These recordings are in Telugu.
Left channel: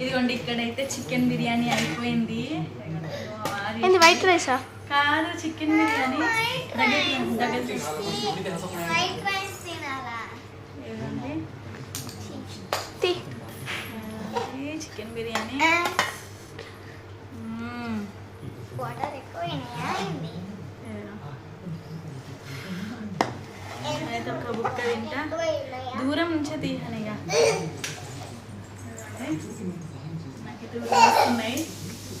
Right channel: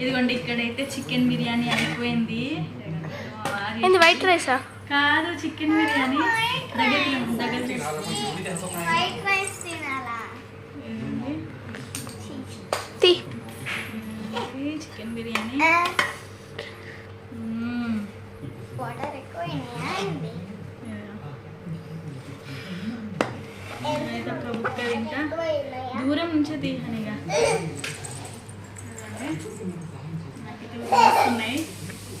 ఇదిగోండి ఇక్కడైతే చికెన్ బిర్యానీ అయిపోయింది. ఏంది వైట్ రైసా? కాదు చికెన్ బిర్యానీ. దగ్గర చికెన్ బిర్యానీ. అయితే ఒక బుక్క తింటా. దూరం నుంచే నాకైతే వస్తున్నాయి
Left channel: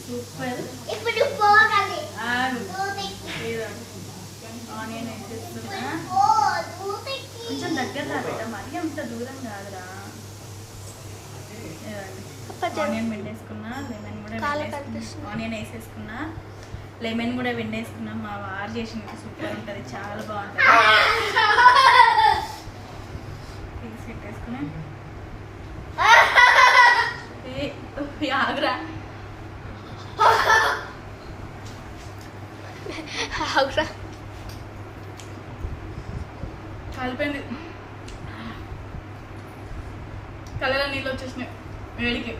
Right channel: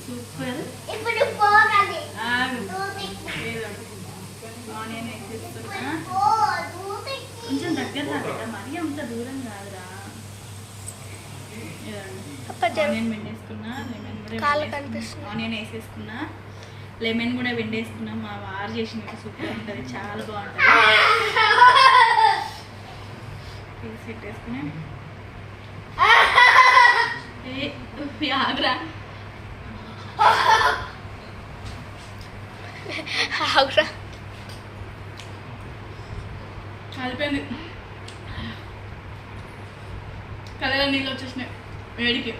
సూపర్ ఇప్పుడు ఆనియన్ కొంచెం దగ్గర రా బిడ్డ మరీ అంత దూరం కాదురా ఆనియన్ వెండేసుకున్నా లెమన్ కూడా వెండేసుకున్నా. ఆనియన్ వేసేసుకున్నా లెమన్ కూడా వెండేసుకున్నాం మా వారు చేసిన సూపర్ ఉంటుంది చాలా బాగుంటుంది తీసి పెట్టేసుకున్నా ఆగురా ఆగురా కాలిపోయింది. కళ్ళలో నీళ్ళు వచ్చేసినాయి. వేడికి.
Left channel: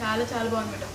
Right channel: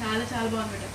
చాలా చాలా బాగుంది మేడం.